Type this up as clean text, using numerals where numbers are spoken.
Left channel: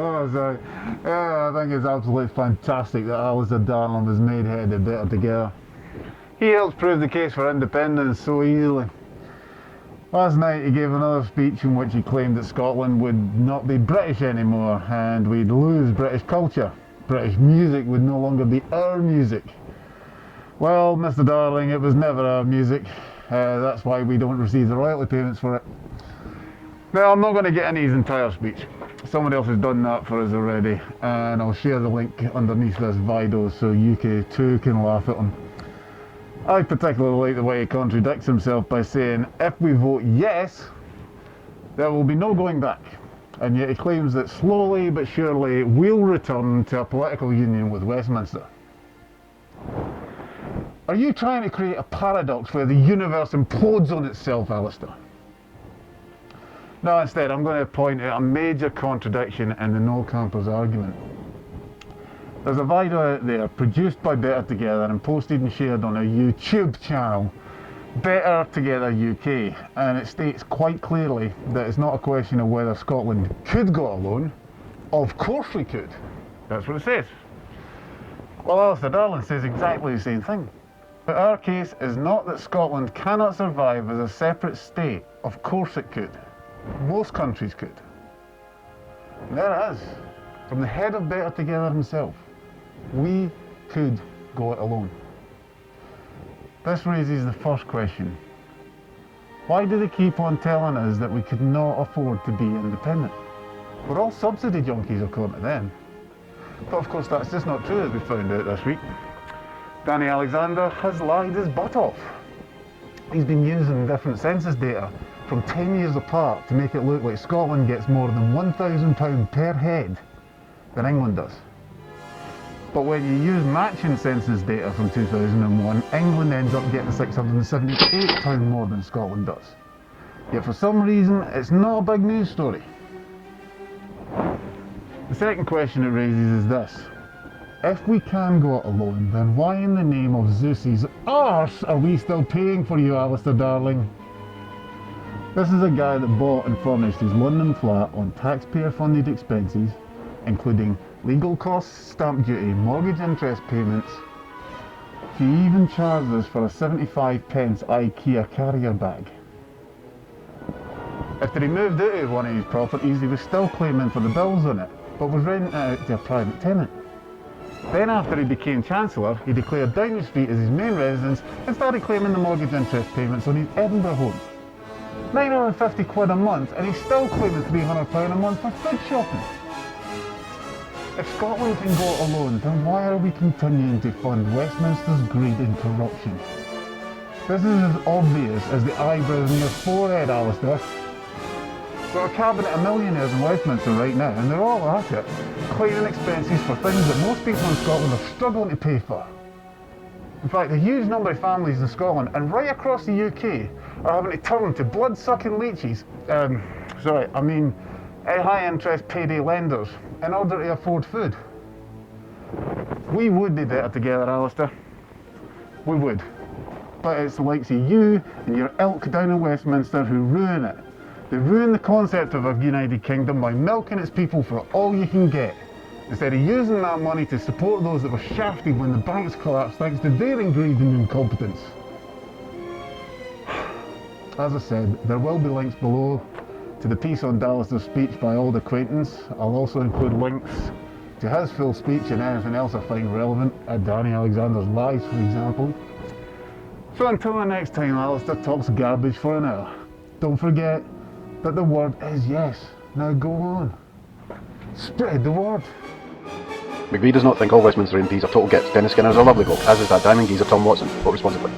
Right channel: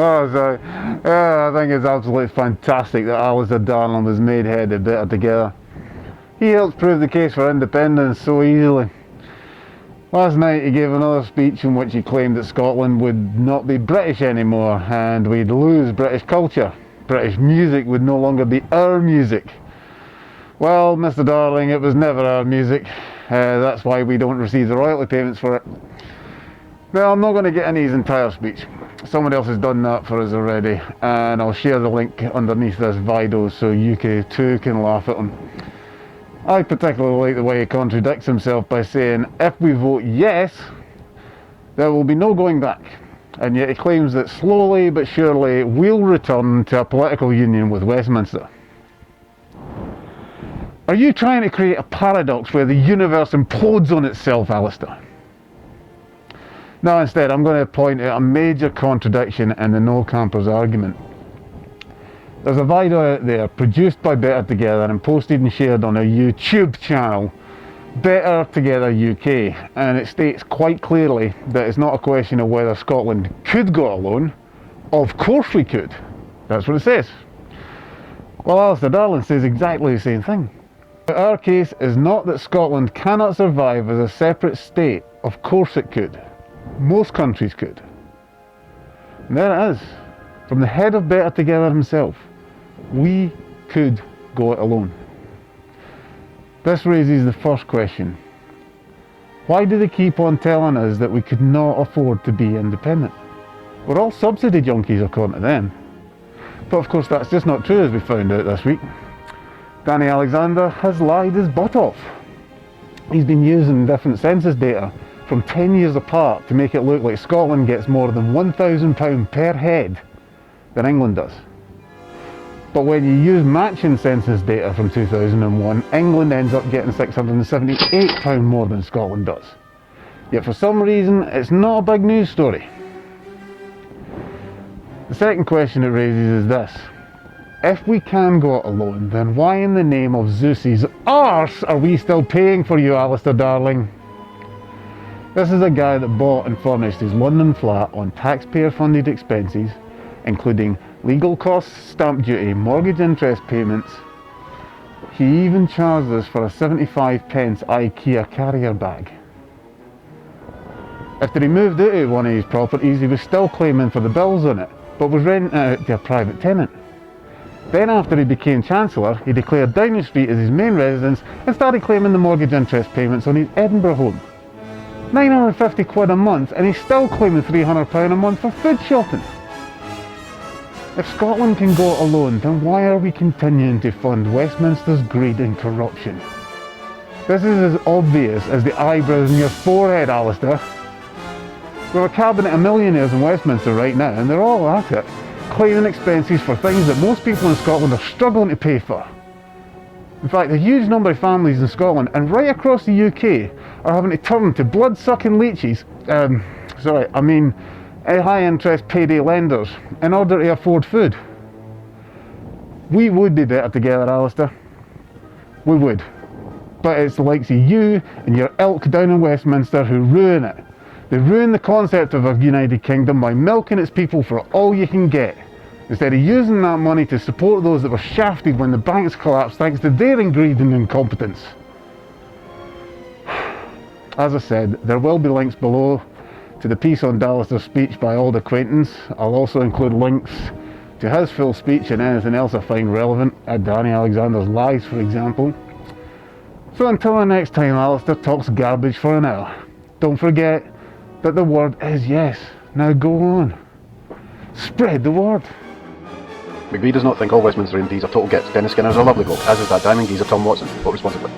I think it's absolutely fantastic that Alistair Darling was made head of Better Together. He helped prove the case for independence so easily. Last night he gave another speech in which he claimed that Scotland would not be British anymore and we'd lose British culture. British music would no longer be our music. Well, Mr. Darling, it was never our music. That's why we don't receive the royalty payments for it. Now, I'm not going to get into his entire speech. Someone else has done that for us already, and I'll share the link underneath this video so you too can laugh at him. I particularly like the way he contradicts himself by saying, if we vote yes, there will be no going back. And yet he claims that slowly but surely we'll return to a political union with Westminster. Are you trying to create a paradox where the universe implodes on itself, Alistair? No, instead I'm going to point out a major contradiction in the no campers argument. There's a video out there produced by Better Together and posted and shared on our YouTube channel, Better Together UK, and it states quite clearly that it's not a question of whether Scotland could go alone. Of course we could. That's what it says. Well, Alistair Darling says exactly the same thing. But our case is not that Scotland cannot survive as a separate state. Of course it could. Most countries could. And there it is, from the head of Better Together himself. We could go it alone. This raises the first question. Why do they keep on telling us that we could not afford to be independent? We're all subsidy junkies according to them. But of course that's just not true, as we found out this week. Danny Alexander has lied his butt off. He's been using different census data from 10 years apart to make it look like Scotland gets more than £1,000 per head than England does. But when you use matching census data from 2001, England ends up getting £678 more than Scotland does. Yet for some reason, it's not a big news story. The second question it raises is this. If we can go it alone, then why in the name of Zeus's arse are we still paying for you, Alistair Darling? This is a guy that bought and furnished his London flat on taxpayer-funded expenses, including legal costs, stamp duty, mortgage interest payments. He even charged us for a 75p IKEA carrier bag. After he moved out of one of his properties, he was still claiming for the bills on it, but was renting it out to a private tenant. Then after he became Chancellor, he declared Downing Street as his main residence and started claiming the mortgage interest payments on his Edinburgh home. £950 a month, and he's still claiming £300 a month for food shopping. If Scotland can go it alone, then why are we continuing to fund Westminster's greed and corruption? This is as obvious as the eyebrows in your forehead, Alistair. We're a cabinet of millionaires in Westminster right now, and they're all at it, claiming expenses for things that most people in Scotland are struggling to pay for. In fact, a huge number of families in Scotland and right across the UK are having to turn to blood-sucking leeches, high-interest payday lenders in order to afford food. We would be better together, Alistair. We would. But it's the likes of you and your ilk down in Westminster who ruin it. They ruin the concept of a United Kingdom by milking its people for all you can get, instead of using that money to support those that were shafted when the banks collapsed thanks to their greed and incompetence. As I said, there will be links below to the piece on Alistair's speech by auldacquaintance. I'll also include links to his full speech and anything else I find relevant, at Danny Alexander's lies for example. So until the next time Alistair talks garbage for an hour, don't forget that the word is yes. Now go on. Spread the word. McVie does not think all Westminster MPs are total gits. Dennis Skinner is a lovely bloke, as is that diamond geezer Tom Watson. Vote responsibly.